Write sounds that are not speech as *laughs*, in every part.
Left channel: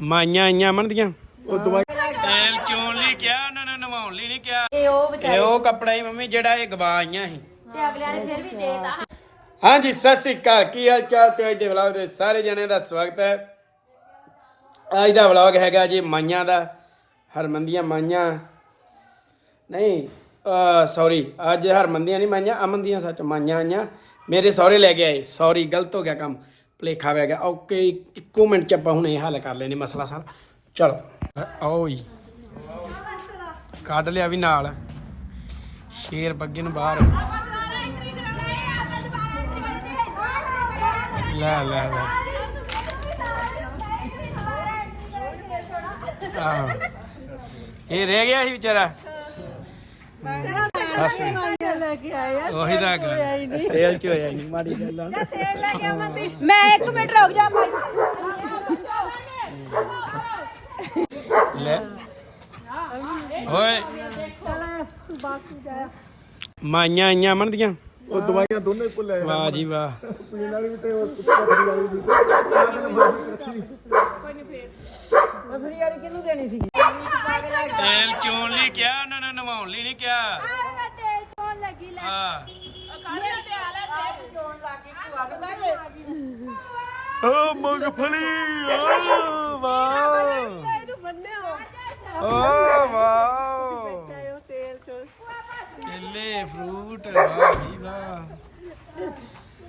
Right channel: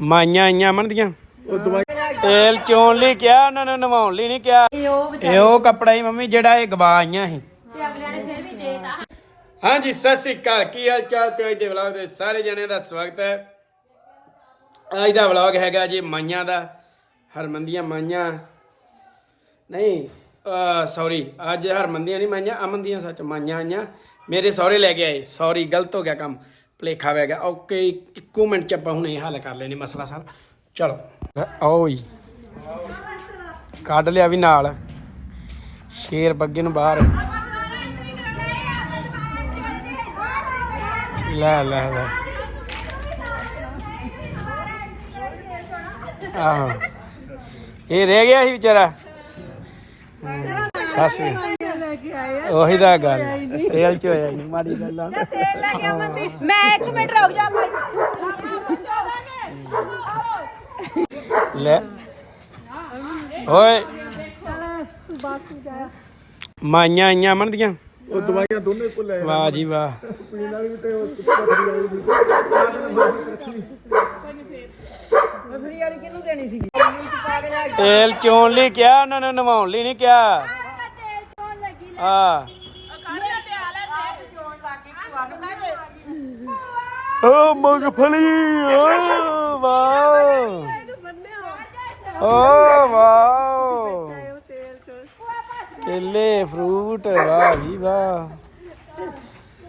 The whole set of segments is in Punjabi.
ਮਾਈਆਂ ਆਈਆਂ ਅਮਨ ਦੀਆਂ? ਉਹ ਦਵਾਈ ਤੇਲ ਚੋਣ ਲਈ ਕਿਹਾ ਉਹਨਾਂ ਨੇ ਨਵਾਉਣ ਲਈ ਨਹੀਂ ਕਿਹਾ। ਇਹ ਉਹ ਕੱਪੜਾ ਹੀ ਮੰਮੀ ਜਿਹੜਾ ਇਹ ਗਵਾ ਆਈਆਂ ਸੀ। ਹਾਂਜੀ ਸਤਿ ਸ੍ਰੀ ਅਕਾਲ। ਕੀ ਹਾਲ ਚਾਲ ਤੇ ਅੱਜ ਦੇ ਵਲੌਗ ਦੇ ਸਾਰੇ ਜਣਿਆਂ ਦਾ ਸਵਾਗਤ ਹੈ। ਅੱਜ ਦਾ ਵਲੌਗ ਹੈਗਾ ਜੀ ਮਾਈਆਂ ਦਾ ਹਰਮੰਦੀਆਂ ਮਾਈਆਂ। ਨਹੀਂ ਸੌਰੀ ਅੱਜ ਹਰਮੰਦੀਆਂ ਨਹੀਂ ਮਾਈਆਂ ਅਮਨ ਦੀਆਂ ਸੱਚ ਮਾਈਆਂ ਆਈਆਂ। ਮੇਰੇ ਸਹੁਰੇ ਲੈ ਕੇ ਆਏ ਸੌਰੀ ਗਲਤ ਹੋ ਗਿਆ ਕੰਮ। ਭਲੇਖਾ ਪੈ ਗਿਆ। ਓਕੇ, ਇੱਕੋ ਮਿੰਟ ਚ ਆਪਾਂ ਹੁਣ ਇਹ ਹੱਲ ਕਰ ਲੈਨੇ ਮਸਲਾ ਸਾਰਾ। ਚਲੋ। ਆਓ ਜੀ। ਕੱਢ ਲਿਆ ਵੀ ਨਾਲ। ਸ਼ੇਰ ਬੱਗੇ ਨੂੰ ਬਾਹਰ। ਲੈ ਲੈ ਲੈ। ਆਹੋ। ਇਹ ਰਹਿ ਗਿਆ ਸੀ ਵਿਚਾਰਾ। ਉਹੀ ਦਾ ਗੱਲ। ਤੇਲ ਚ ਹੋਇਆ ਨਹੀਂ ਮਾੜੀ ਗੱਲ ਆ। ਮੈਂ ਇੱਕ ਮਿੰਟ ਰੁਕ ਜਾ। ਲੈ। ਓਏ। ਮਾਈਆਂ ਆਈਆਂ ਅਮਨ ਦੀਆਂ? ਉਹ ਦਵਾਈਆਂ ਦੋਨੇ ਭੁੱਲੇ ਵਾਹ ਜੀ ਵਾਹ। ਪੀਣ ਵਾਲੀ ਵੀ ਤੇ ਉਹ ਪਥਰੀ ਵਾਲੀ ਵੀ ਮਸਰੀ ਵਾਲੀ ਕਿਹਨੂੰ ਦੇਣੀ ਸੀ? ਤੇਲ ਚੋਣ ਲਈ ਕਿਹਾ ਉਹਨਾਂ ਨੇ ਨਵਾਉਣ ਲਈ ਨਹੀਂ ਕਿਹਾ। ਹਾਂ। ਆਪ ਚੋਣ ਲੱਗੀ ਭੂਆ ਨੂੰ ਕਹਦੇ ਓ ਮਗਫਲੀ, ਓ ਵਾਹ ਇਹਨੂੰ ਬੰਨਿਓ ਓ ਵਾਹ ਉਹ ਤੇਲ ਚੋਣ ਕੇਲੇ, ਫਰੂਟ ਵਾਹ ਵੀ ਵਾਹ।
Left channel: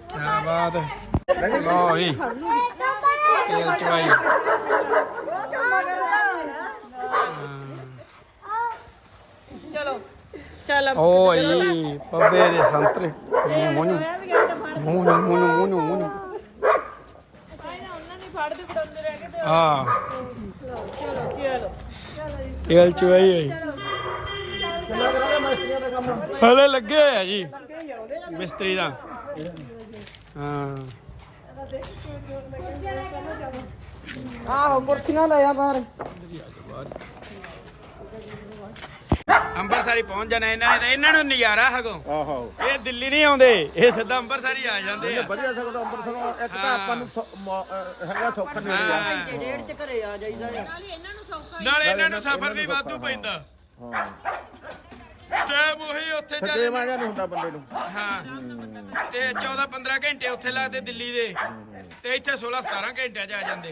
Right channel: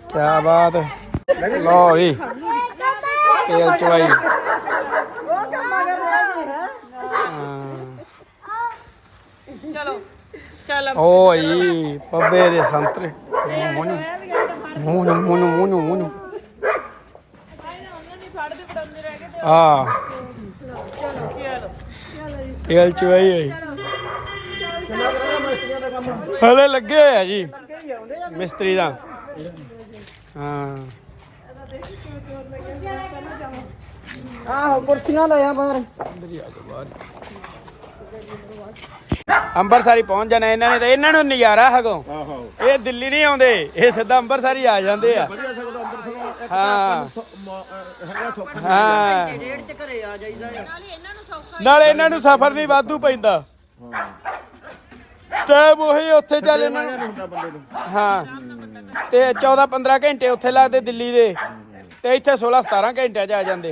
ਕੀ ਬਾਤ। ਹੈ ਲਓ ਵੀ ਤੇਲ ਚਵਾਈ ਤੇਲ ਹੋਈ। ਹਲੇ ਲੱਗੇ ਹੋਏ ਆ ਜੀ। ਮਿਸਤਰੀ ਦਾ। ਹਾਂ। ਆਹੋ ਕੁਰਸੀਆਂ ਲੈ ਆ ਬਾਹਰ। ਅੰਬਰਸਰੀ ਪਹੁੰਚ ਜਾਣਾ ਇਹਨਾਂ ਨੇ ਤਾਂ ਇਹਨਾਂ ਨੂੰ ਨਜ਼ਾਰਾ ਹਗੋ। ਆਹੋ। ਇਹ ਦਿੱਲੀ ਨਹੀਂ ਆਉਂਦੇ ਇਹ ਸਿੱਧਾ ਅੰਬਰਸਰੀ ਆ ਜਾਂਦੇ ਆ। ਵਧੀਆ ਸਕਦਾ ਅੰਮ੍ਰਿਤਸਰੋਂ ਇੱਕ ਹਾਂ। ਤਾਂ ਹੈਗਾ ਸੌਖਾ ਹਾਂ। ਚ ਘਰੇ ਆ ਜਾਈਦਾ ਨਾਲੇ ਇਹਨਾਂ ਨੂੰ ਸਫ਼ਰ ਵੀ ਵਾਧੂ ਪੈਂਦਾ। ਹਾਂ। ਟਾਈਮ ਉਹੀ ਉੱਥੇ ਚੱਲ ਇਹਨਾਂ ਨਹੀਂ ਹੁੰਦਾ ਬੰਦੇ ਨੂੰ। ਹਾਂ। ਤੇ 14 15 ਘੰਟੇ ਉੱਥੇ ਲੱਗਦੇ ਦਿੱਲੀ ਦੇ। ਤੇ ਇੱਥੇ 16 17 ਘੰਟਿਆਂ 'ਚ ਆ ਜਾਂਦੇ।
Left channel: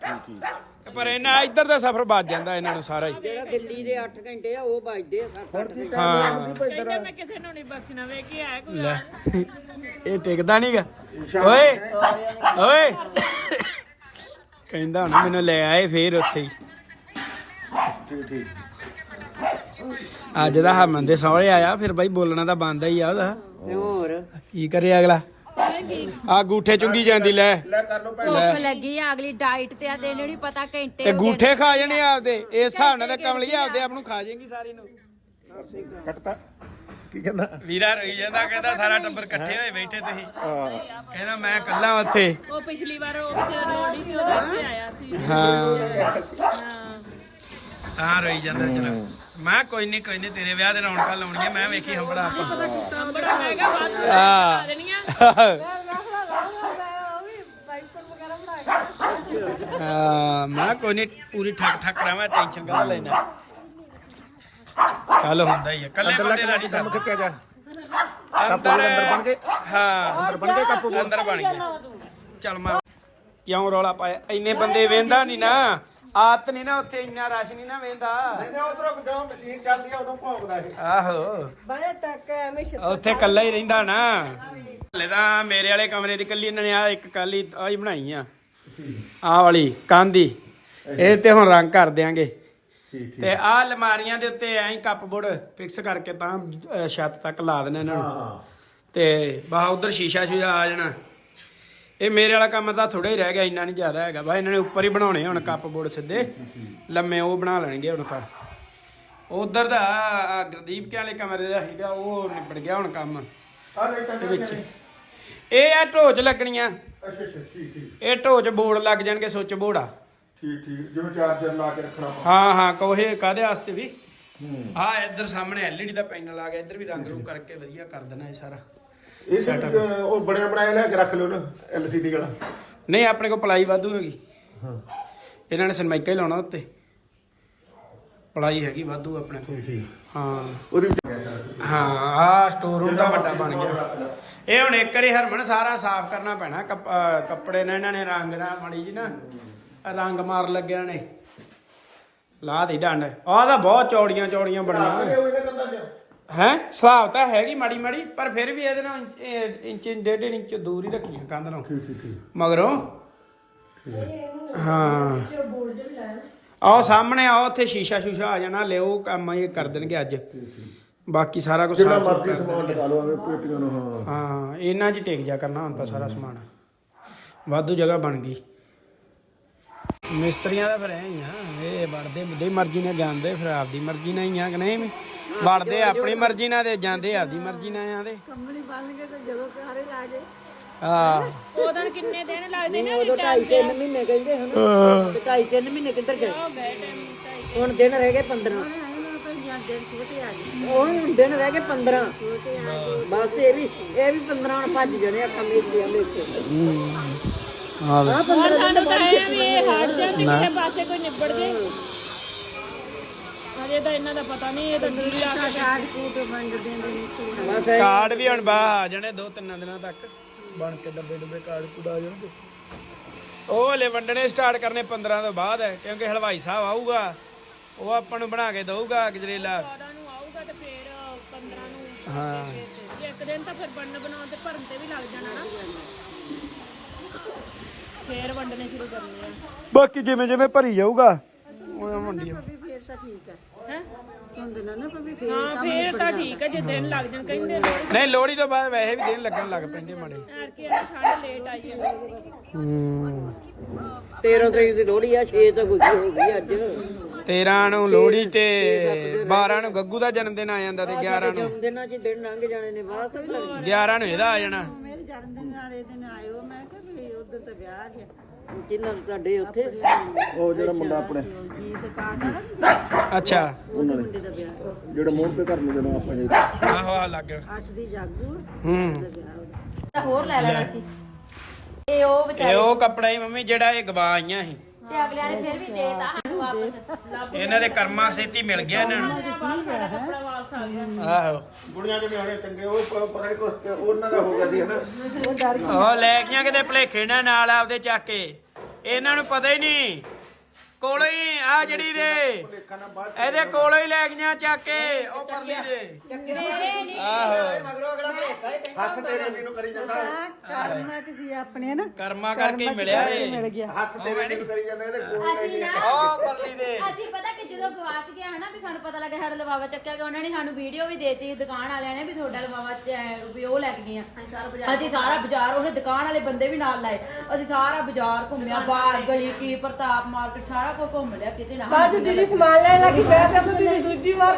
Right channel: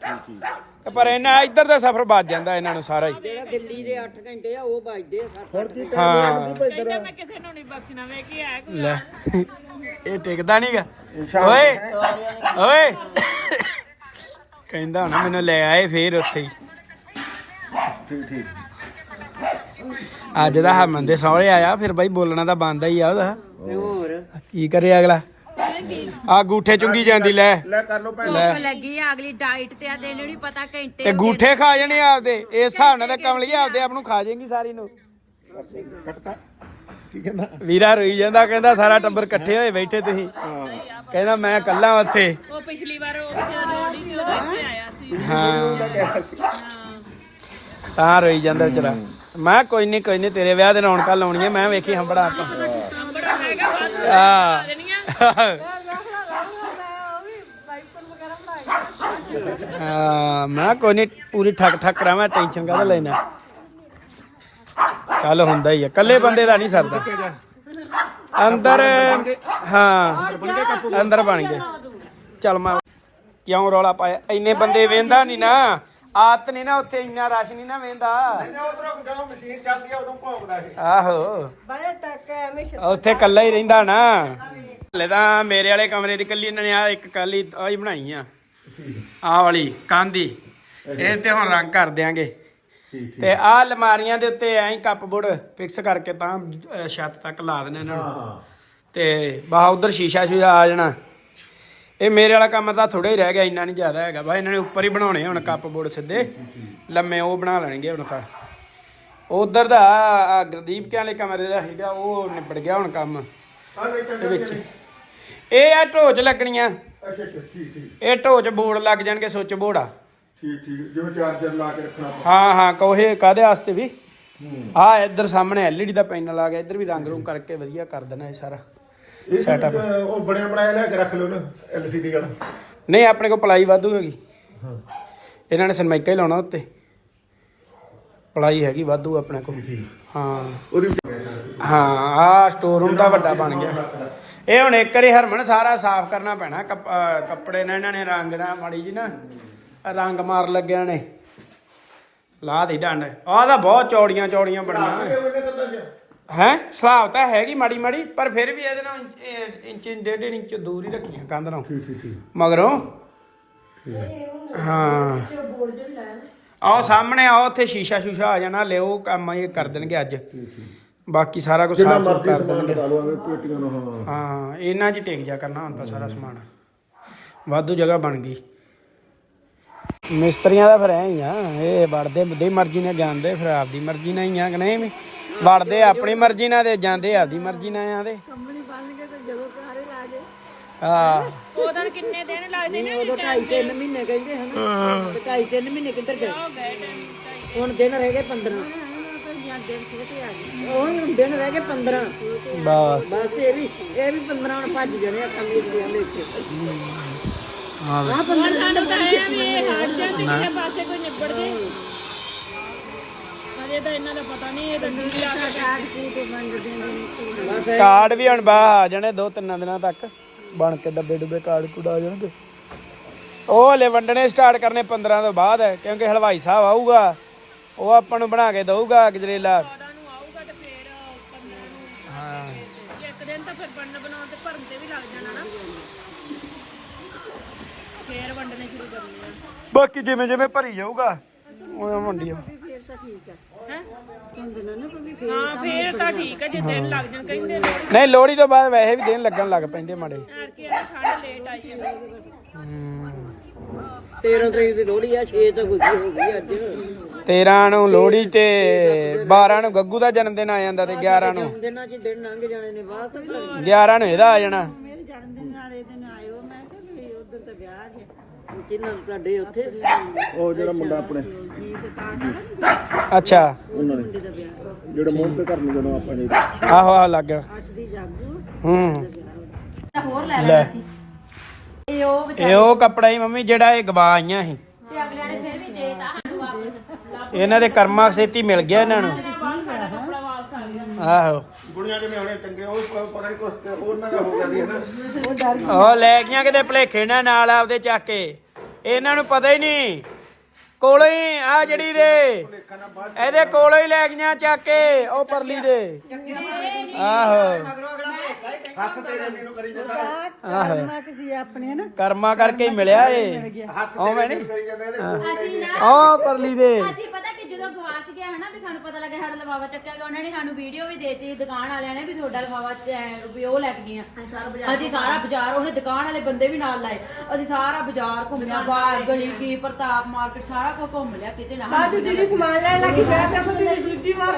ਠੀਕ ਠੀਕ। ਤੇ ਪਰ ਇਹਨਾਂ ਇੱਧਰ ਦਾ ਸਫ਼ਰ ਬਚ ਜਾਂਦਾ ਇਹਨਾਂ ਨੂੰ ਸਾਰਾ ਹੀ। ਜਿਹੜਾ ਦਿੱਲੀ ਦੇ 8 ਘੰਟੇ ਆ ਉਹ ਵੱਜਦੇ ਆ 7 ਹਾਂ। ਲੈ ਇਹ ਟਿਕਦਾ ਨਹੀਂਗਾ ਓਏ ਓਏ। ਕਹਿੰਦਾ ਹੁਣ ਮੈਨੂੰ ਲੈ ਆਏ ਫੇਰ ਉੱਥੇ ਹੀ। ਠੀਕ ਠੀਕ ਅੱਜ ਦਾ ਹਰਮਨ ਦੇ ਸਹੁਰੇ ਆਇਆ ਫਿਰ ਬਾਈ ਬੋਲਣਾ ਤਾਂ ਬੰਦਾ ਹੀ ਆ ਉਹਦਾ। ਤੇ ਹੋਰ? ਕੀ ਕਰੇ ਅਗਲਾ? ਆ ਗੂਠੇ ਚੁੰਗੀ ਜਾਂਦੀ ਲੈ। ਲੈ ਕਰ ਲੋ ਭੁੱਖ ਲੱਗੀ ਆ ਅਗਲੀ ਡਾਈਟ ਤੇ ਆ ਇਹਨੂੰ ਨਹੀਂ ਪਤਾ ਘੰਟੇ ਤੇ ਗੂਠੇ ਖਾ ਜਣੇ ਆਪਦੇ। ਇਸ ਹਿਸਾਬ ਨਾਲ ਤਾਂ ਕਮਲੀ ਆਪਦੇ ਆਪ ਨੂੰ ਖਾ ਜਾਏਗੀ ਸਾਰੀ ਨੂੰ। ਕੱਟਤਾ। ਕੀ ਕਹਿੰਦਾ? ਵੀਰਾ ਰੋਈ ਜਾਂਦਾ ਕਹਿੰਦਾ ਸਾਰਾ ਟੱਬਰ ਇਕੱਠੇ ਹੋਏ ਬੈਠੇ ਤੁਸੀਂ। ਹਾਂ। ਕਹਿੰਦਾ ਮੈਂ ਇਕੱਲਾ ਉੱਥੇ। ਉਹ ਪਿਛਲੀ ਵਾਰ ਉੱਥੇ ਲੋੜੀ ਤੇ ਉਹਦੇ ਉੱਤੇ ਆਇਆ ਸੀ। ਹਾਂ। ਤਾਂ ਰੋਈ ਜਾਂਦਾ ਚਲਾ। ਮੈਂ ਕੋਈ ਨਹੀਂ ਕੋਈ ਨਹੀਂ ਤੇਰੇ ਵਿਆਹ ਦੇ ਰੌਣਕਾਂ ਲਾਉਣੀਆਂ ਮੈਂ ਵੇਖੀ ਹੰਬੜਾ ਆਪਾਂ। ਆ *laughs* ਆ ਮੈਂ ਕਿਹਾ ਕੋਈ ਨਹੀਂ ਪੂਰੀ ਠੱਕ ਠੱਕ ਕਰਾਂ ਟੈਨਸ਼ਨ ਕਾਹਦਾ ਲੈਣਾ ਚੱਲ ਹੁੰਦਾ ਹੀ ਆ ਕੱਲੇ ਬੰਦੇ ਦਾ ਨਹੀਂ ਸਰਦਾ। ਅੰਦਰ ਬਣ ਗਏ? ਹਾਂ ਅੰਦਰ ਬਣ ਗਏ ਕੱਪੂ ਅੰਦਰ ਬਣ ਗਏ। ਚੱਲ ਮੈਂ ਕਿਉਂ ਰੌਲਾ ਪਾਇਆ? ਇੰਨੇ ਬੰਦੇ ਵੇਂਦਾ ਨਹੀਂ ਨਾ। ਆਤ ਨਹੀਂ ਨਾ ਉੱਥੇ ਇੰਨਾ ਰਸ਼ ਨਹੀਂ ਨਾ ਵੇਂਦਾ। ਉਧਰੋਂ ਜਦੋਂ ਮਸ਼ੀਨ ਚੱਲਦੀ ਆ ਉਦੋਂ ਭੌਂਕਦਾ ਇਹ। ਆਹੋ। ਬੜੇ ਟੱਕ ਐਵੇਂ ਉੱਥੇ ਕੱਲਾ ਹੀ ਰਹਿੰਦਾ ਨਾ। ਹਲੇ ਤਾਂ ਮੇਰੇ ਵਾਲੇ ਕਮਰੇ ਦੀ ਕੱਲੀ ਇਹਨਾਂ ਨੇ ਆ ਇੱਕ ਕਾਲੀ ਆਹੀ ਬਣਾਈ ਆ। ਆਹ ਵਾਲੀ ਕਾਂਦੀ। ਇਹ ਤੇ ਹੁਣ ਰੰਗ ਕਰ ਦਿਆਂਗੇ। ਤੇ ਆਹ ਅਲਮਾਰੀਆਂ ਦੇ ਉੱਤੇ ਐਂ ਕੱਪਬੋਰਡ ਫਿਕਸ ਕਰਕੇ ਤਾਂ ਅਹ, ਛੱਤ ਤੱਕ ਲਾ ਦੇਣਾ ਇਹਨਾਂ ਨੂੰ। ਤੇ ਬਾਹ ਉਧਰ ਸ਼ੀਸ਼ਾ ਸ਼ੀਸ਼ਾ ਆ ਜਾਣਾ। ਇਹ ਮੇਰੇ ਵਾਲਾ ਕੰਮ ਤਾਂ ਥੋੜਾ ਹੀ ਰਹਿ ਗਿਆ ਇੰਨਾ ਨਹੀਂ ਜ਼ਿਆਦਾ ਹੈਗਾ। ਬਾ ਇਹਨਾਂ ਨੇ ਉੱਪਰ ਹੀ ਬਣਾਉਣੇ ਹੁਣ ਕੱਪ ਬੋਰਡ ਸਿੱਧੇ। ਲੰਮੇ ਉਹ ਬਣਾ ਲੈਣਗੇ ਹੁਣ ਤਾਂ। ਉਧਰ ਦਾ ਆਹ ਗੁਰਦੀਪ ਕੇ ਵਾਲੇ ਕਮਰੇ ਦਾ ਹੈਗਾ ਉਹ ਨਿਬੜ ਗਿਆ ਹੁਣ ਕੰਮ। ਆ ਇਹ ਆ ਢੋਚ ਲੱਗਣੀਆਂ। ਅੱਛਾ ਅੱਛਾ ਠੀਕ ਠੀਕ। ਇਹ ਢੋਚ ਬੋਰਡ ਲੱਗ ਜਾਣਗੇ ਸੁੱਚ ਬੋਰਡ ਆ ਠੀਕ ਠੀਕ। ਜਿਵੇਂ ਚਾਰਜਰ ਲਾ ਕੇ ਰੱਖਣਾ ਹਾਂ ਹਾਂ ਕੋਹੇ ਕਾਦੇ ਵਾਸਤੇ ਵੀ? ਹੂੰ। ਆ ਇੱਧਰ ਸਾਹਮਣੇ ਐਲਈਡੀ ਦਾ ਪੈਨਲ ਆ ਗਿਆ ਇੱਧਰ ਵੀ ਰੰਗ ਰੂਪ ਕਰਕੇ ਵਧੀਆ ਕਰ ਦੇਣਾ ਇਹ ਸਾਰਾ। ਇਹ. ਤਾਂ ਉਹ ਬਣਿਆ ਬਣਾਇਆ ਲੈ ਕੇ ਰੱਖ ਲਿਓ ਨਾ ਐਲਸੀਡੀ ਵਾਲਾ। ਨਹੀਂ ਆਪਣੇ ਕੋਲ ਪਲਾਈ ਵਾਧੂ ਹੈਗੀ। ਹਾਂ। ਇਹਨਾਂ ਨੇ ਸਨਮਾਈਕਾ ਹੀ ਲਾਉਣਾ ਉੱਤੇ। ਪਲਾਈ ਹੈਗੀ ਵਾਧੂ ਆਪਣੇ ਕੋਲ। ਹਾਂ। ਉਹਦੀ ਹਾਂ ਆ ਸਟੋਰ ਰੂਮ ਦਾ ਵੱਡਾ ਬਣ ਗਿਆ। ਇਹ ਹੁਣ ਇੱਕ ਵਾਰੀ ਹਰਮਨ ਸਾਰਾ ਸਾਫ਼ ਕਰਨਾ ਪੈਣਾ। ਕੱਪ- ਅਹ ਕੱਪੜੇ ਨੇ ਇਹਨਾਂ ਨੇ ਰੰਗ ਨਾ ਮਾੜੀ ਜੀ ਨਾ ਰੰਗ ਮਾਰ ਲੱਗਿਆ ਨੇ। ਲਾ ਦੇ ਡੰਡ। ਆਹ ਤਾਂ ਬਹੁਤ ਚੌੜੀਆਂ ਚੌੜੀਆਂ ਬਣੀਆਂ ਹੈ? ਸੁਭਾਵ ਤਾਂ ਹੈਗੀ ਮਾੜੀ ਮਾੜੀ ਪਰ ਫਿਰ ਵੀ ਇਹਦੇ ਨਾਲ ਇੰਚ- ਇਹ ਇੰਚ ਡੇਢ ਇੰਚ ਦੂਰ ਹੀ ਰੱਖੀਆਂ ਕੰਧ ਨਾਲ। ਮਗਰੋਂ। ਹਾਂ। ਆਓ ਸਾਹਮਣੇ ਆਓ ਉੱਥੇ ਸ਼ੀਸ਼ਾ ਸ਼ੂਸ਼ਾ ਆ ਜਾਣਾ ਲਿਓ ਕੰਮ ਇਹ ਕਰ ਦੇਣਗੇ ਅੱਜ। ਬਾਕੀ ਸਾਰਾ ਕੁਝ ਜਿੰਨਾ ਸਾਫ਼ ਸੁਥਰਾ ਮਰਜ਼ੀ ਕਰ ਸਮਾਨ ਦੇਣਗੇ। ਲਗਾ ਲਓ ਐਵੇਂ ਪੇਟੀਆਂ ਨੂੰ ਹਾਂ। ਹਾਂ ਇਹਨਾਂ 'ਚ ਟਿਕ ਜਾ ਕਰਨਾ ਤਾਂ ਸਾਰਾ ਸਮਾਨ। ਵਾਧੂ ਜਗ੍ਹਾ ਬਣ ਗਈ। ਮਿਸਤਰੀਆਂ ਦਾ ਫਿਰ ਐ ਹੀ ਆ ਇਹ ਵੜਦੇ ਬੁੱਧੀ ਮਰਜ਼ੀ ਨਾਲ ਜਾਂਦੇ ਫਿਰ ਆਪਦੀ ਮਰਜ਼ੀ ਨਾਲ ਹੀ ਆ ਕਿ ਨਹੀਂ? ਵੀ ਵੜਦੇ ਆਪਣੀ ਮਰਜ਼ੀ ਨਾਲ ਤੇ ਜਾਂਦੇ ਆਪਦੀ ਮਰਜ਼ੀ ਨਾਲ ਆਂਦੇ ਕੰਮਣੀ ਬਣ ਕੇ ਤੇ ਜਦੋਂ ਸਾਰੇ ਲਾ ਜੇ ਹਾਂ। ਉਦੋਂ ਕਿੰਨੇ ਦਿਨ ਲੱਗਦੇ ਨੇ? ਉਦੋਂ ਢਾਈ ਤਿੰਨ ਮਹੀਨੇ ਕਹਿੰਦੇ ਹਨ। ਤੇ ਢਾਈ ਤਿੰਨ ਮਹੀਨੇ ਕਿੱਧਰ ਗਏ? ਹੁਣ ਦਿਨ ਰਹਿ ਗਏ 15 ਉਹ ਹੁਣ ਦਿਨ ਰਹਿ ਗਏ 15 ਬਸ। ਬਸ ਇਹ ਵੀ ਇਹ ਵੀ 15 ਹੁਣ ਭੱਜ ਜਾਣੇ ਆ ਕੰਮ ਇਸ ਦੇ ਵਿੱਚ ਹਾਂ। ਵੇ। ਹੁਣ ਸਾਨੂੰ ਤਾਂ ਇਹ ਆ ਵੀ ਇਹ ਹਟ ਜਾਣ। ਤੇ ਕਿਸੇ ਪਾਸੇ ਕੋਈ ਨਿਬੜ ਜੇ। ਅਜੇ ਤਾਂ ਇਹਨਾਂ ਦਾ ਪਤਾ ਨਹੀਂ ਇਹ ਤਾਂ ਨੀਲਾ ਕਾਜ ਕੂਟ ਵੰਡਦੇ ਨੇ ਕਾਰਡ ਵੀ ਹੁਣ ਬਾਹਰ ਆ ਜਾਣੇ ਦੋ ਤਿੰਨਾਂ ਦਿਨਾਂ ਤੱਕ। ਬਣ ਕੇ ਡੱਬੇ ਡੁੱਬੇ ਕਾਰਡ ਕੂਡ ਆ ਜਾਣਗੇ। ਉਹ ਹਲੇ ਵੰਡਣੇ ਸਟਾਰਟ ਕਰਨੇ 15 ਤੋਂ ਬਾਅਦ ਹੈ ਕਿਉਂਕਿ ਹਲਵਾਈ ਸਾਹਿਬ ਆਊਗਾ। ਉਹ ਆਪਾਂ ਨੂੰ ਬਣਾ ਕੇ ਦਊਗਾ ਗਜਰੇਲਾ। ਨੂੰ ਆਊਗਾ ਤੇ ਫਿਰ 15 ਨੂੰ। ਹਾਂ। ਇੱਕ ਦਿਨ ਤਾਂ ਫਿਰ ਬਣਨ ਬਣਾਉਣ ਤੇ ਭਰਨ ਤੇ ਵੀ ਲੱਗ ਜਾਣਾ ਨਾ। ਫੇਰ ਵੰਡਣੇ ਸ਼ੁਰੂ ਕਰਨੇ ਆ। ਬਾਕੀ ਜਿਵੇਂ ਜਿਵੇਂ ਭਰੀ ਜਾਊਗਾ ਉਹ ਵੰਡੀ ਜਾਊ। ਫੇਰ ਤਾਂ ਠੀਕ ਹੈ। ਹੈ? ਹੁਣ ਦਿਨਾਂ ਨਾ ਵੀ ਫੇਰ ਹਾਂ ਫੇਰ ਤਾਂ ਠੀਕ ਹੈ ਜੇ ਦਿਨ ਲੱਗ ਜਾਣ ਕਹਿੰਦੇ ਨੇ ਨਹੀਂ ਲੋਹੜੀ ਤੋਂ ਬਾਅਦ ਵੈਸੇ ਵੀ ਦਿਨ ਲੱਗਣ ਲੱਗ ਪੈਂਦੇ ਮਾੜੇ। ਯਾਰ ਕਿ ਇਹਨਾਂ ਠੰਡ ਲੇਟ ਆਈ ਹੈ ਹੂੰ। 13 ਤਰੀਕ ਦੀ ਲੋਹੜੀ ਆ 6 ਤੋਂ ਗੁੱਜੀ ਹੋ ਗਈ ਅੱਜ। 13 ਨੂੰ ਲੋਹੜੀ ਤੇ 12 ਨੂੰ ਗੱਗੂ ਦਾ ਜਨਮ ਦਿਨ ਆ ਜਾਂਦਾ ਤੇ 11 ਨੂੰ। ਦਿਨਾਂ 'ਚ ਦਿਨ ਲੰਘ ਜਾਣੇ ਨੇ ਬਾਅਦ ਚ 11 ਨੂੰ ਇਹਦਾ ਆ ਜਾਣਾ। ਮੇਰੇ ਜਨਮ ਦਿਨ ਵਾਲੇ ਦਿਨ ਆਇਓ ਮੈਂ ਕਿਹਾ ਵੀ ਉਧਰ ਤਾਂ ਵਿਆਹ ਗਿਆ ਕਿੰਨਾ ਤੁਹਾਡੇ ਉੱਥੇ। ਉਹ ਜਿਹੜਾ ਮੁੰਡਾ ਆਪਣੇ। ਜੀਤ ਕਾਟਾ ਅੱਛਾ। ਉਹਨਾਂ ਨੇ ਮੁੰਡੇ ਦਾ। ਵਿਆਹ ਜਿਹੜਾ ਮੂੰਹ ਤੇ ਘਰ ਨੂੰ ਜਦੋਂ ਆਪਾਂ ਜਾਈਦਾ ਆਹੋ ਆਹ ਲੱਗ ਗਿਆ। ਅੱਠ ਦੀ ਜਾਗੂ ਹੂੰ। ਹੋਰ ਲੈ ਲੈਣਾ ਸੀ। ਇਹ ਉਹ ਇਹ ਉਹ ਕੱਪੜਾ ਹੀ ਮੰਮੀ ਜਿਹੜਾ ਇਹ ਗਵਾ ਆਈਆਂ ਸੀ। ਤੇ ਅਗਲਿਆਂ ਨੇ ਫਿਰ ਵੀ ਦੇਤਾ ਸਾਨੂੰ ਵਾਪਸ। ਇਹਨਾਂ ਦੇ ਕਰਮਾਂ ਛੇਤੀ ਮਿਲ ਗਿਆ ਇਹਨਾਂ ਨੂੰ। ਕੱਪੜਾ ਵਾਪਸ ਆ ਗਿਆ। ਆਹੋ। ਗੁੜੀਆਂ ਦੇ ਵਿਆਹਣੇ ਚੰਗੇ ਉਹ ਪ- ਪਤਾ ਨਹੀਂ ਕੁਛ ਤੇ ਉਹਨਾਂ ਦਾ ਹੋ ਗਿਆ ਸੀ ਹਨਾ? ਉਹ ਲੈ ਗਈਆਂ ਕਿਤੇ ਭਲੇਖੇ ਨਾਲ ਨਾਲ ਆਪਦੇ ਚੱਕ ਕੇ। ਇਹਨਾਂ ਨੂੰ ਪਤਾ ਹੀ ਨਹੀਂ। ਕੋਲੋਂ ਹੀ ਆ ਜਿਹੜੀ ਦੇ। ਇਹਦੇ ਕੋਲੋਂ ਹੀ ਲੈ ਗਈਆਂ ਚੱਕ ਕੇ ਉਹ ਪਰਲੀ ਦੇ। ਆਹੋ। ਹੱਥ ਤੇਰੇ ਵੀ ਨੂੰ ਕਰੀ ਜਾਂਦਾ। ਆਹੋ ਤੁਸੀਂ ਆਪਣੇ ਨਾ। ਕਰਮਾਂ ਕਰਕੇ ਹੀ ਮਿਲਿਆ ਇਹ। ਹੱਥ ਉਹ ਮੈਂ ਤੇਰੇ ਵੀ ਨਹੀਂ ਕਰੀ ਜਾਂਦਾ ਇਹਦੇ ਕੋਲ ਅਸੀਂ ਨਾ ਆ ਪਰਲੀ ਦੇ। ਅਸੀਂ ਪਤਾ ਕਿ ਜਦੋਂ ਗਵਾਚ ਗਿਆ ਹਨਾ ਵੀ ਸਾਨੂੰ ਪਤਾ ਲੱਗਾ ਸਾਡਾ ਲਫਾਫਾ ਚੱਕਿਆ ਗਿਆ ਉਹਨਾਂ ਨੇ ਸਾਨੂੰ ਵੀਡੀਓ ਵੀ ਦੇਤੀ ਦੁਕਾਨ ਵਾਲਿਆਂ ਨੇ ਵੀ ਤੁਹਾਡਾ ਲਫਾਫਾ ਚ- ਵੀ ਉਹ ਲੈ ਕੇ ਗਏ ਆ ਅਸੀਂ ਸਾਰਾ ਬਾਜ਼ਾਰ ਉਹਨੇ ਦੁਕਾਨ ਵਾਲੇ ਬੰਦੇ ਵੀ ਨਾਲ ਲਾਏ। ਅਸੀਂ ਸਾਰਾ ਬਾਜ਼ਾਰ ਘੁੰਮਿਆ ਬਾਗ ਗਲੀ ਕੀ ਪ੍ਰਤਾਪ ਮਾਰਕੀਟ ਸਾਰਾ ਕੁਝ ਘੁੰਮ ਲਿਆ ਕਿਤੇ ਨਾ ਬਾਜੂ ਜੀ ਸਮਾਨ ਲੈ ਲੱਗੀ ਮੈਂ ਤਾਂ ਤੁਸੀਂ ਦੂਜੀ ਵਾਰ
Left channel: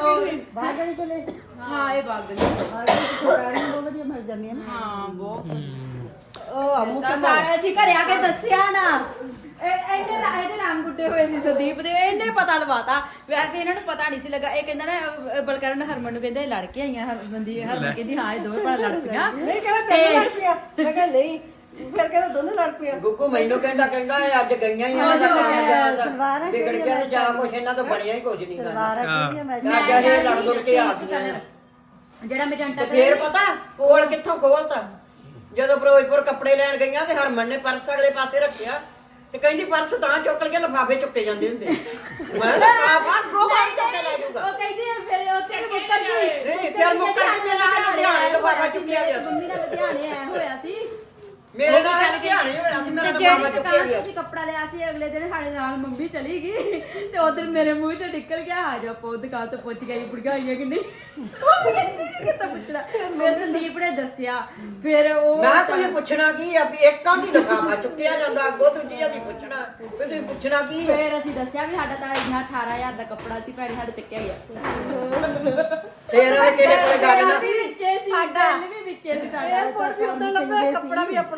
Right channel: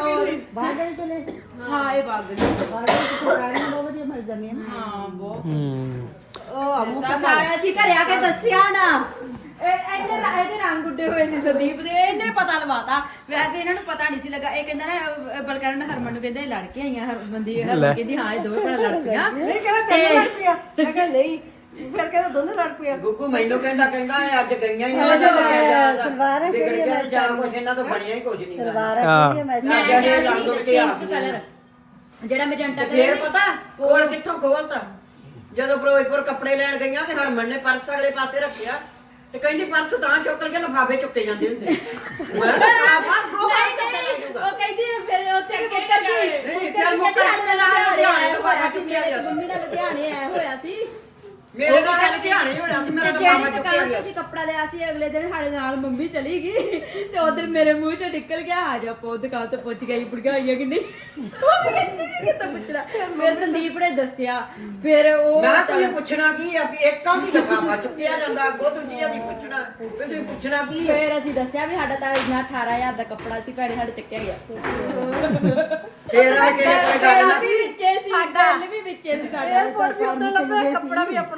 ਬਾਗਲ ਚਲੇ ਹਾਂ ਇਹ ਬਾਗ ਗਲੀ ਬਹੁਤ ਵਧੀਆ ਮਿਲ ਨੇ। ਹਾਂ ਬਹੁਤ ਤਾਂ ਸਾਰਾ ਅਸੀਂ ਘਰੇ ਆ ਕੇ ਦੱਸਿਆ ਨਾ। ਇਹ ਇਹਦੇ ਰ- ਇਹਦੇ ਰੰਗ ਉੱਡੇ ਹੋਏ ਸੀ ਸੰਦੀਪ ਦੇ। ਇਹਨੇ ਪਤਾ ਲਵਾਤਾ। ਵੈਸੇ ਇਹਨਾਂ ਨੂੰ ਪਤਾ ਨਹੀਂ ਸੀ ਲੱਗਾ। ਇਹ ਕਹਿੰਦਾ ਨਾ ਬਲਕਰਨ ਹਰਮਨ ਨੂੰ ਕਹਿੰਦੇ ਲੜ ਕੇ ਆਈਆਂ ਹਰਮਨ ਦੀ ਹਰਮਨ ਕਹਿੰਦੀ ਹਾਂ ਇਹ ਦੋਵੇਂ ਭਰਾ ਲੜ ਪਈਆਂ। ਨਹੀਂ ਕਹਿੰਦਾ ਤੈਨੂੰ ਲੜ ਪਿਆ ਮੈਂ ਕਿਹਾ ਨਹੀਂ ਫਿਰ ਕਹਿੰਦਾ ਦੋਨੋਂ ਲੜ ਪਿਆ ਗੁੱਗੂ ਮੈਨੂੰ ਕਹਿੰਦਾ ਕਹਿੰਦਾ ਇਹ ਅੱਜ ਗਈਆਂ ਹੀ ਸਲਵਾਰ ਹੈ ਵਿਗੜ ਗਿਆ ਤੇ ਜਾਂ ਕੁਛ ਇਹਨਾਂ ਤੋਂ ਬਣਿਆ ਹੀ ਕੁਝ ਨਹੀਂ ਹਾਂ। ਮੈਂ ਇਹ ਲੜ ਲੁੜ ਕੇ ਆ ਗਈਆਂ। ਜਿਹੜਾ ਮੈਜੈਂਟਾ ਫੇਰ ਕਲਰ ਪਤਾ ਕੋਲ ਕਿੱਥੋਂ ਖੋਲਤਾ? ਜਦੋਂ ਫਿਰੋਜ਼ਪੁਰ ਕੱਪੜੇ ਲੈਣ ਗਈਆਂ ਤੇ ਹਰਮਨ ਨੇ ਪਰਸ ਅਗਲੇ ਪਾਸੇ ਰੱਖਿਆ। ਤੇ ਕਹਿੰਦੀ ਪਰਸ ਤਾਂ ਚੁੱਕ ਕੇ ਲਫਾਫੇ ਚੁੱਕੇ ਜਾਂਦੇ ਹੁੰਦੇ। ਮੈਂ ਕਿਹਾ ਆ ਬਾਤ ਗੋ ਬਾਤ ਕੇ ਲੈ ਜਾਊਗਾ। ਉਹ ਕਹਿੰਦੀ ਫਿਰ ਉੱਥੇ ਮੁੱਕਰ ਗਈ। ਨਹੀਂ, ਫਿਰ ਮੁੱਕਰ ਗਈ ਤੇ ਨਾਲ ਲੁਧਿਆਣੇ ਬਾਹਰ ਚੁੱਕਿਆ ਗਿਆ ਸੀ। ਮੰਮੀ ਨਾਲ ਲੁਧਿਆਣੇ ਆਇਆ ਹੋਇਆ ਸੀ। ਮੇਰੇ ਨਾਲ ਗੱਲ ਧਿਆਨ ਹੀ ਹੋਇਆ ਸੀ ਤੇ ਮੇਰਾ ਜਿਹੜੀ ਚੁੱਕਿਆ ਦੁਕਾਨ ਤੋਂ ਅਸੀਂ ਕੱਪੜਾ ਲਿਆ ਸੀ ਅਗਲੇ ਦਿਨ ਸਾਡੇ ਨਾਲ ਮੰਮੀ ਚਲੀ ਗਈ ਤੇ ਉਧਰ ਮੇਰੇ ਮੂੰਹ ਚੋਂ ਨਿਕਲ ਗਿਆ ਆ ਜਾ ਪੋ ਦੁਕਾਨ ਤੋਂ ਪੁੱਛ ਗਈ ਭੜਕਾਈਆਂ ਕਿ ਨਹੀਂ? ਉਹ ਵੀ ਕਹਿੰਦੀ ਸੀ ਕਿ ਤਾਂ ਪੁੱਛਣਾ ਫਿਰ ਸੰਦੀਪ ਨੇ ਦੱਸਿਆ ਫਿਰ ਉਹ ਨਾ ਕੋਈ ਪੁੱਛਣਾ ਕੀ ਆ ਵੀ ਇੱਕ ਦੀ ਲਫਾਫਾ ਚੁੱਕਿਆ ਜਾਂਦਾ ਅੱਗੋਂ ਦੂਜੀ ਆ ਦੀ ਪੁੱਛਣਾ ਵੀ ਤੁਸੀਂ ਪੁੱਛਣਾ ਕੀ ਆ? ਫਿਰ ਅਸੀਂ ਦੱਸਿਆ ਵੀ ਸਾਡਾ ਤਾਂ ਇੰਨਾ 18000 ਦਾ ਕੱਪੜਾ ਸੀ ਭੈਣੇ ਸਾਡੇ ਚੱਕਿਆ ਗਿਆ ਫੇਰ ਇਹ ਕਿਸੇ ਕੋਈ ਗੱਲ ਨਾ ਵੀ ਵਿੱਚੇ ਸੀ ਗੱਲ ਵੀ ਵਿੱਚੇ ਸੀ ਸਾਡਾ ਉਦੋਂ ਕੱਪੜਾ ਵੀ ਆਪਣਾ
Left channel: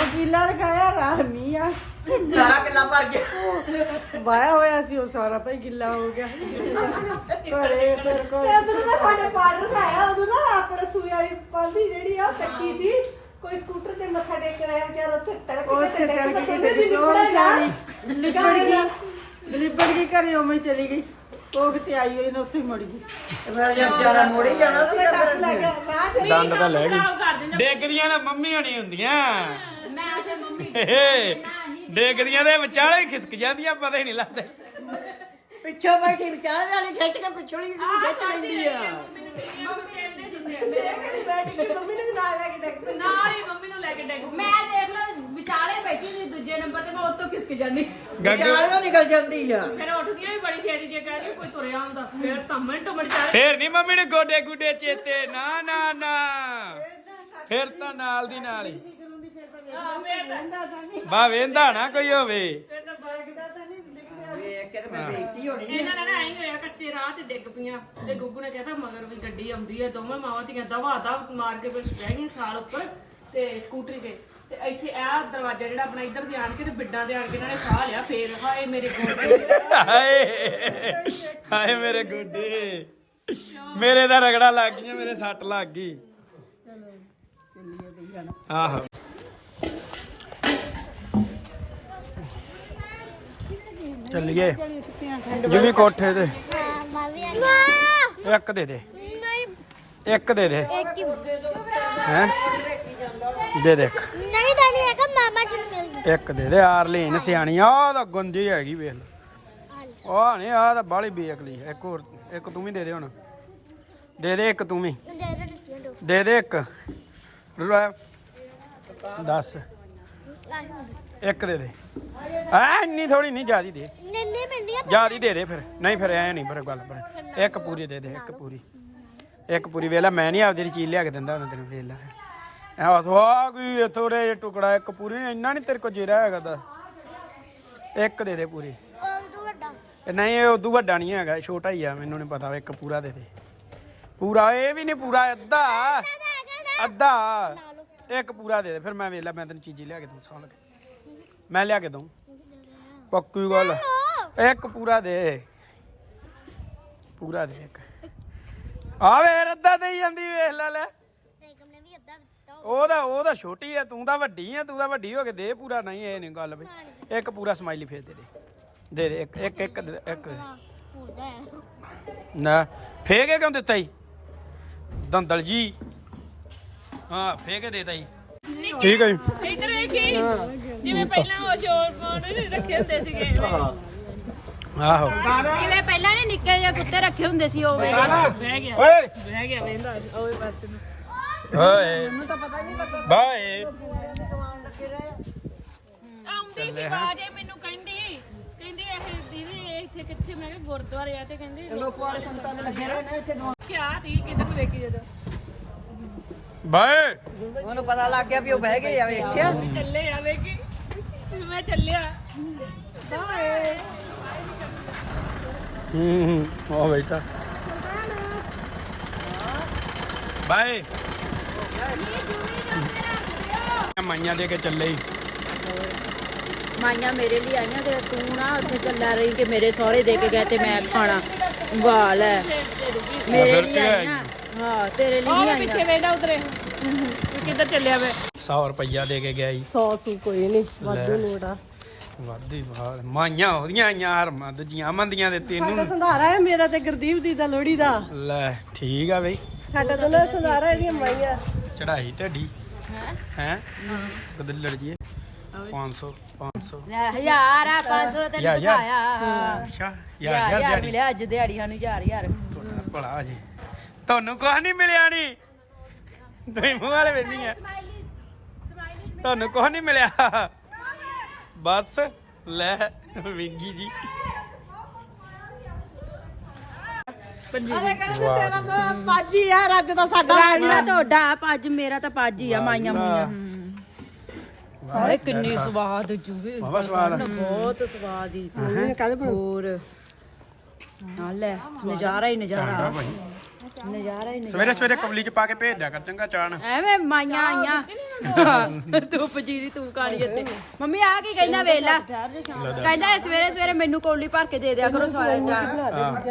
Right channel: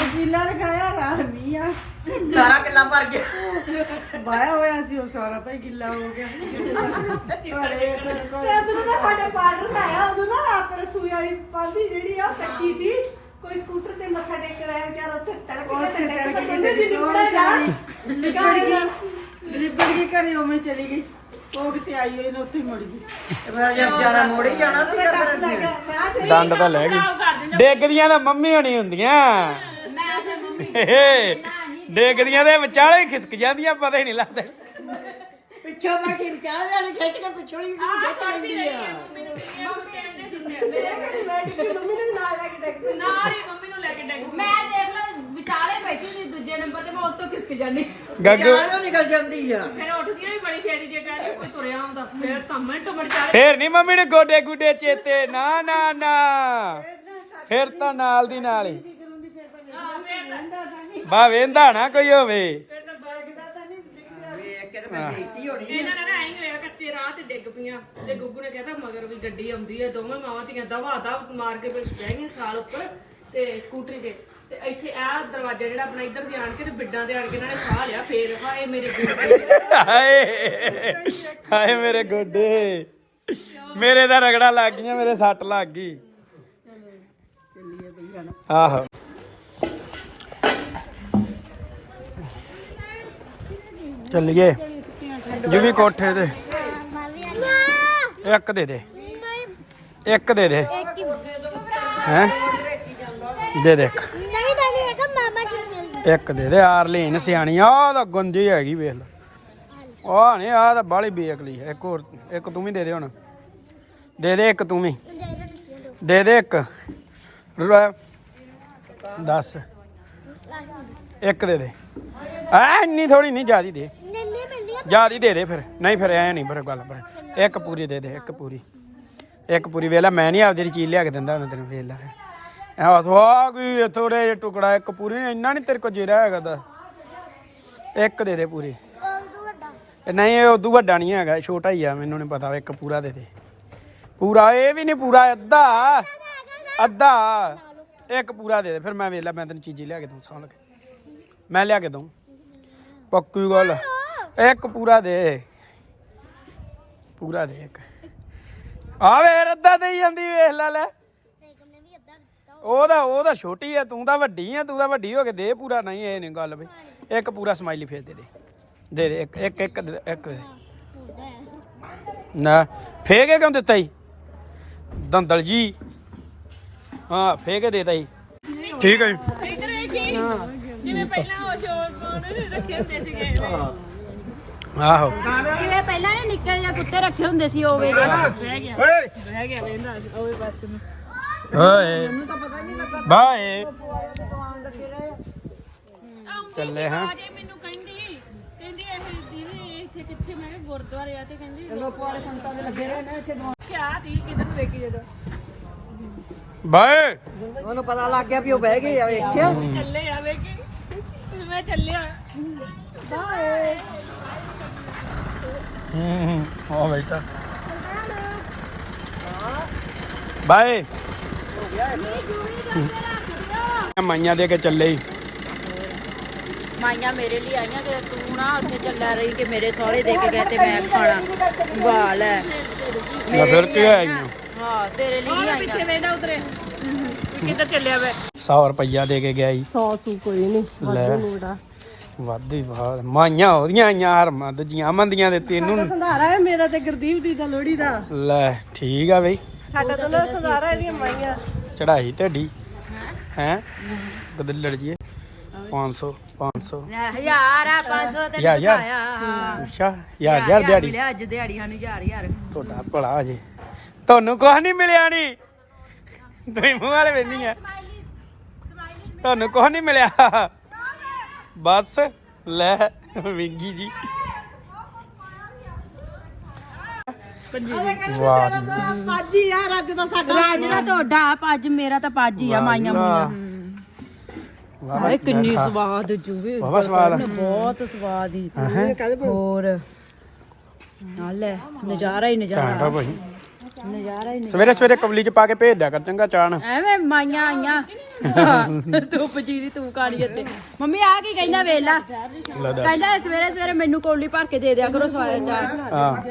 ਵਕੀਲਾ ਰਖਾਇਆ ਰਾਮੀ ਆ। ਸਾਰਾ ਕਿੱਲਾ ਭਰ ਗਿਆ। ਵਾਇਆ ਹੋਇਆ ਸੀ ਉਹ ਸਾਰਾ ਭਾਈ ਗਿੱਲਾ ਹੋ ਗਿਆ। ਘਰੇ ਫਿਰ ਕੋਈ ਉਦੋਂ ਨਾ ਸਾਡੇ ਪਾਰਲਰ ਲਾਇਆ ਉਦੋਂ ਨਾ ਆਪਣੇ ਸੂਈ ਵਾਲੀ ਪਾਲੀ ਜਿਹੜੀ ਆ ਕੱਚੀ ਸੀ। ਕੋਈ ਸਕੂਟਰ ਤੇ ਮੱਥਾ ਟੇਕ ਕੇ ਆਇਆ ਵਿਚਾਰਾ ਉੱਥੇ ਤੜਕ ਉਹ ਕੇ ਤੇ ਕਰਕੇ ਕੇ ਕਹਿੰਦੇ ਕਿਤੇ ਜੀ ਉਹ ਵਿਚਾਰੀ ਲਿਬੜ ਗਈ ਲਿਬੜ ਗਈ ਘਰੇ ਉਵੇਂ ਚਲੀ ਗਈ। ਉਹ ਕਿਤੇ ਆਈ ਹੋਈ ਨਾ ਉੱਥੇ ਹੀ ਮੁੜ ਗਈ। ਰਾਜਾ ਵਿਚਾਰਾ ਮੋੜੀ ਜਾਣਾ ਸੀ ਡੰਡ ਤਾਂ ਲੈ ਗਈ ਡੇਗਦੀਆਂ ਤਾਂ ਮੰਮੀ ਹੋਣੀ ਹੁੰਦੀਆਂ। ਡੇਗਦੀਆਂ ਦੇ ਵਿਚਾਲੇ ਖਿਸਕ ਜਾਂਦੀਆਂ ਪਤਾ ਹੀ ਨਹੀਂ ਲੱਗਦਾ। ਪਿੱਛੋਂ ਮੈਂ ਖਿਰ ਚਾਹ ਜਾਣੀ ਖਿੱਚ ਕੇ ਪਿਛੜੀ ਨੂੰ ਖਿੱਚ ਲੈਂਦੀ ਆ। ਮੇਰੇ ਘਰੇ ਬੈਠ ਕੇ ਮੰਮੀ ਨੂੰ ਨਾਲ ਲੈ ਕੇ ਡੱਕ ਨਾ ਹੀ ਮੰਮੀ ਨੂੰ ਲੈ ਕੇ ਡੈਗ ਮੈਂ ਦੇਖ ਲੈ ਵਿਚਾਲੇ ਬੈਠੀ ਸੀ ਦੂਜੇ ਨੰਬਰ ਤੇ ਮੈਂ ਉੱਤੋਂ ਖਿਸਕ ਜਾਂਦੀ। ਗੱਗੂ ਚਾਹ ਨਿਕਲ ਜਾਂਦੀ ਆ। ਫਿਰ ਉੱਠਦੀ ਹੋਈ ਬੜੀ ਛੇਤੀ ਜੇ ਕਹਿ ਰਹੀ ਕੋਈ ਤੁਰਿਆ ਹੁੰਦਾ ਫਿਰ ਤਾਂ ਮਿੰਟ ਮਿੰਟ ਚਾਰੇ ਫੇਰ ਨਹੀਂ ਮੰਮੀ ਨੇ ਗੋਡੇ ਗੁੱਡੇ ਚੇਤੇ ਨਾ ਨਾ ਨਾ। ਫਿਰ ਤਾਂ ਨਾਲ ਦੀ ਨਾਲ ਹੀ। ਬਾ ਵੇਂਦਾ ਨਾ ਕੋਈ ਹੋਵੇ। ਵੇਖ ਕੇ ਤੇ ਫਿਰ ਬੇਇੱਜ਼ਤੀ ਹੋਣੀ ਆ। ਇਹਨਾਂ ਨੇ ਨਾ ਐਂ ਹੋਇਆ ਕੱਚੇ ਰਾਹ ਤੇ ਡਿੱਗ ਪਈਆਂ। ਤੇ ਗੁੱਗੂ ਨੇ ਕਿਹਾ ਮਗਰ ਵੀ ਗੱਡੀ ਆਉਂਦੀ ਹੈ ਦੋਵੇਂ ਮਾਵਾਂ ਧੀਆਂ ਦਵਾ ਦਾ ਮਾਰ ਕੇ ਫਿਰ ਬਹਿ ਗਈਆਂ ਸਾਲ ਉੱਪਰ ਤੇ ਸਕੂਟਰੀ ਤੇ। ਤੇ ਇੱਥੇ ਇਹ ਦਰਵਾਜ਼ਾ ਜਿਹੜਾ ਆਪਣਾ ਇੱਧਰ ਦੇ ਆਣ ਕੇ ਤੇ ਬਿੱਡਾਂ ਦੇ ਆਣ ਕੇ ਇਹਨਾਂ ਨੇ ਸਾਹ ਲਿਆ ਫੇਰ ਹਾਏ ਮੇਰੇ ਗੋਡੇ। ਹਾਏ ਹਾਏ ਮੇਰੇ ਗੋਡੇ। ਮੇਰੇ ਤਾਂ ਰਗੜਾ ਲੱਗ ਗਈਆਂ ਮੇਰੇ ਸੱਟ ਲੱਗ ਗਈ। ਆਹੋ। ਚੱਲੀਏ। ਦੀਦੀ ਕੋਠੇ ਤੇ। ਇੱਕ ਦੇ ਦੇ। ਇੱਕ ਦੇ ਦੇ। ਹੈ? ਦੇ ਦੇ ਇੱਕ। ਨਹੀਂ ਤਾਂ ਹੈਗਾ ਮਾਮਾ ਜੀ ਨੂੰ ਮਿਲ ਇੱਕ ਦੇ ਦੇ ਆਰਲੀਨ ਸਿਆਣੀ ਆ ਤਾਂ ਗੁੰਜੀ ਹੈਗੀ, ਵੇਖ ਲੈ। ਉਹ ਨਹੀਂ ਆ ਤਾਂ ਬਾਲੀ ਬੇਅਕਲੀ ਹੈ। ਇੱਕ ਹੋਰ, ਇੱਕ ਤੂੰ ਵੀ ਦੇ ਦੇ ਹੁਣ। ਦੇ ਦੇ ਇੱਕ ਤੂੰ ਵੀ। ਦੇ ਦੇ ਇੱਕ। ਦੱਸ। ਇੱਕ ਦੇ ਦੇ। ਐ, ਇੰਨੀ ਥੋੜੀ ਨਹੀਂ ਜਿਆਦੀ ਦੇ। ਜਿਆਦੀ ਦੇ ਦੇ ਫਿਰ। ਨਹੀਂ ਫਿਰ ਐ ਨਹੀਂ ਫਿਰ ਗੱਲ ਪਰ ਇੱਕ ਪੂਰੀ ਦੇ ਦੇ ਇੱਕ ਪੂਰੀ। ਇੱਕ ਪੂਰੀ ਵੇਲਾ ਮੈਂ ਨਹੀਂ ਆਪਦੀ ਚੀਜ਼ ਲਿਆ ਕੇ ਦਿੰਦਾ ਉਹਨਾਂ ਤੈਨੂੰ ਵੇਖ ਲੈ ਐ ਬਸ ਆ ਕੋਈ ਥੋੜੇ ਜਿਹਾ ਟੁਕੜਾ ਇੱਕ ਪੂਰੀ ਨੀ, ਇੰਨਾ ਨਹੀਂ ਤੇਰੇ ਕੋਲ ਜੇਰਾ ਹੈਗਾ ਦਾ ਇੱਕ ਦੇ ਦੇ ਪੂਰੀ। ਨਹੀਂ ਇਹ ਉਦੋਂ ਵੱਡਾ ਨਹੀਂ ਹੈਗਾ ਛੋਟਾ ਹੀ ਆ ਮੈਨੂੰ ਨਹੀਂ ਪਤਾ ਇੱਕ ਪੂਰਾ ਦੇ ਦੇ। ਪੂਰਾ ਇਹ ਵੀ ਨਹੀਂ ਪੂਰਾ ਅੱਧਾ। ਅੱਧਾ। ਇੱਕ ਪੂਰਾ ਦੇ ਦੇ ਫਿਰ ਮੈਂ ਵੇਖ ਲਾ ਮੈਂ ਤੈਨੂੰ ਚੀਜ਼ੀ ਲਿਆ ਕੇ ਦੂੰ ਸਾਲ ਕੇ। ਮੈਂ ਲਿਆ ਕੇ ਦਊਂ। ਪੱਕੀ ਗੱਲ। ਇੱਕ ਪੂਰਾ ਦੇ। ਪੂਰਾ ਦੇ ਇੱਕ। ਆ ਵੇ ਅੱਧਾ ਦੇਈ ਜਾਂਦੀ ਵੇਖ ਲੈ ਲੈ। ਬੇਗਮ ਨੇ ਵੀ ਅੱਧਾ ਦਿੱਤਾ ਉਹਦਾ ਉਹਦਾ ਛੋਟੀ ਆ ਤੂੰ ਤਾਂ ਵੱਡੀ ਆ ਤੂੰ ਤਾਂ ਵੱਡੀ ਹੋ ਕੇ ਦੇ ਪੂਰਾ ਨਹੀਂ ਇਹ ਨਹੀਂ ਗੱਲ ਬਈ ਇੱਕ ਪੂਰਾ ਸਮਾਈਲੀ ਫੇਰ ਦੇ ਦੇ। ਦੇ ਦੇ ਇੱਕ ਇੱਕ ਇੱਕ ਦੇ ਇੱਕ ਦੇ। ਹੁੰਦਾ ਹੈ ਨਾ ਫੇਕੇ ਕਿਉਂ ਦਿੱਤਾ ਜੀ ਦੰਦਲ ਜੀ। ਹਾਂ ਫੇਕੇ ਦੇਤਾ ਜੀ ਠੀਕ ਹੈ ਜੀ। ਇੱਧਰ ਵੇਖੀ ਜਿਵੇਂ ਪਹਿਲਾਂ ਉਹ ਸ਼ੋਰ ਕੋਡ ਰੱਖੇ ਹੁੰਦੇ ਸੀਗੇ। ਆਹੋ। ਜਿਵੇਂ ਪਹਿਲਾਂ ਨੇ ਨਿੱਕੇ ਜਿਹੇ ਕੁੱਤੇ ਰੱਖੇ ਹੁੰਦੇ ਸੀ ਉਹ ਵੇਲੇ ਬਹਿ ਗਿਆ ਓਏ। ਬਹਿ ਗਿਆ ਵੇਂਦਾ ਓਏ ਬਸ ਓਏ ਬਾਏ। ਆਉਂਦੀ ਚੱਲੇ ਸੀ ਹਾਂ। ਆਵਾਜ਼ ਇਹ ਮੈਨੂੰ ਕਹਿੰਦੀ ਕਹਿੰਦੀ ਇਹ ਦੀਦੀ ਇਹ ਇੱਥੇ ਕਿੱਥੇ? ਮੈਂ ਕਿਹਾ ਗੁਰਦੁਆਰੇ ਆ ਤੇ ਕਹਿੰਦੀ ਲੋਕ ਵਾਲੇ ਸੰਤਾਂ ਦੇ ਲੱਗੇ ਰਹੇ ਨੇ ਇੱਥੇ ਦੋ ਕਿਆ ਤੀ ਕਿਧਰ ਨੂੰ ਦੇਖੀ ਜਦੋਂ? ਬਾਏ। ਉਹਨੂੰ ਪਤਾ ਲੱਗ ਗਿਆ ਵੀ ਉਹ ਬਹਿ ਗਏ ਆ ਵੇਖਿਆ। ਚੱਲੇ ਆ ਵੇਖੀ। ਮੈਂ ਚੱਲਿਆ। ਬਾਏ। ਹੂੰ ਉਹ ਬੈਠਾ। ਬਾਏ। ਮਾਈਆਂ ਦੇ ਕੇ ਚੱਲੇ ਹੀ ਮਾਈਆਂ ਮੇਰੇ ਲਈ ਆਈਆਂ ਤੇ ਤੂੰ ਨਾ ਉੱਥੇ ਚੱਲਾ ਰਹੀ ਕਿ ਮੇਰੇ ਸਹੁਰੇ ਦੇ ਕੇ ਗਏ ਤੇ ਮੈਂ ਖਾਣਾ ਵਾਲ ਹੈ ਮੈਂ ਫਿਰ ਕੀ ਆਈਆਂ। ਹਾਂ ਤੇਰੇ ਲਈ ਉਹਦੇ ਪਿੱਛੇ ਵੇਂਦਾ ਉਧਰੇ। ਕਿੱਧਰ ਚੱਲਿਆ ਵੇ? 100 ਰੁਪਈਆ ਦੇ ਕੇ ਗਿਆ ਜੀ 100 ਸੂ ਕੋਈ ਨਹੀਂ ਲੈ। ਵਾਧੂ ਹੀ ਬਾਹਰ। ਮਾਈਆਂ ਉਹਦੀਆਂ ਆਈਆਂ ਹਰਮਾਂ ਦੂਜੀਆਂ ਮੰਦੀਆਂ ਦੇ ਤੈਨੂੰ ਸੰਧਾਰਾ ਹੈ ਮੇਰਾ ਤੇ ਗੁਰਦੀਪ ਦੀ ਦਾ ਲੋੜੀ ਦਾ। ਲੈ ਠੀਕ ਆ ਬਈ। ਸਾਡਾ ਤਾਂ ਨਾ ਸੰਧਾਰਾ ਇਹਦੀਆਂ ਮਾਈਆਂ। ਚੜਾਈ ਢੱਡੀ। ਹੈ? ਬਦਲ ਲੜ ਜੀਏ 500 500 ਹਜ਼ਾਰ ਆ 500 ਤੇ ਯਾਰ ਯਾਰ ਦਿਖਾਇਆ। ਹਾਂ ਅੱਛਾ ਯਾਰ ਯਾਰ ਦਿਹਾੜੀ। ਮਿਲਿਆ ਅੱਜ ਦਿਹਾੜੀ ਸਾਨੂੰ ਹਜ਼ਾਰ ਹਜ਼ਾਰ। ਤੁਹਾਡਾ ਭਲਾ ਜੇ ਤੁਹਾਨੂੰ ਕੁਝ ਨਹੀਂ ਮਿਲਿਆ ਨਹੀਂ ਤੁਸੀਂ ਮੂੰਹ ਵਾਲੇ ਵੇਨੀ ਆ। ਤੁਹਾਨੂੰ ਕੁਝ ਨਹੀਂ ਮਿਲਿਆ। ਬਸ ਲੈ ਵਿੰਗੀ ਜੀ। ਵਾਹ ਜੀ। ਪਾਜੀ ਯਾਰ ਅੱਜ ਤਾਂ ਸਾਡਾ ਰਾਜ ਦਾ ਤੁਹਾਡਾ ਪੱਜ ਮੇਰਾ ਤਾਂ ਪੱਜ ਹੀ ਆ ਮਾਈਆਂ ਵਾਹ। ਵਾਹ ਕਿੰਨੀ ਸਵਾਦ ਜੂਵੇ ਵਾਹ ਸਵਾਲ ਬਹੁਤ ਸਵਾਦ ਹੀ। ਹੋਰ। ਆ ਲੈ ਨਜ਼ਾਰਾ ਹੀ ਨਜ਼ਾਰਾ। ਟਾਂਟਾ ਭਾਈ। ਨਜ਼ਾਰਾ ਹੀ ਸਵੇਰੇ ਸਵੇਰੇ ਕਬਲੀ ਚ ਪਾ ਕੇ ਭੇਜ ਦਿਆ ਕਰ ਚੰਗਾ ਚਾਣ। ਐਵੇਂ ਮਾਈਆਂ ਆਈਆਂ। ਤੂੰ ਪਜੀਰੀ ਤੂੰ ਕਾਣੀ ਇੱਥੇ। ਮੰਮੀ ਆ ਕੀ ਕਹਿੰਦਾ ਵੇਲਾ ਕਹਿੰਦਾ ਸਵੇਰੇ ਸਵੇਰੇ ਮੈਨੂੰ ਕੋਲੀ ਭਰ ਕੇ ਦੇ ਦਿਆ ਕਰੋ ਸਾਰਿਆਂ ਚਾਹ। ਹਾਂ।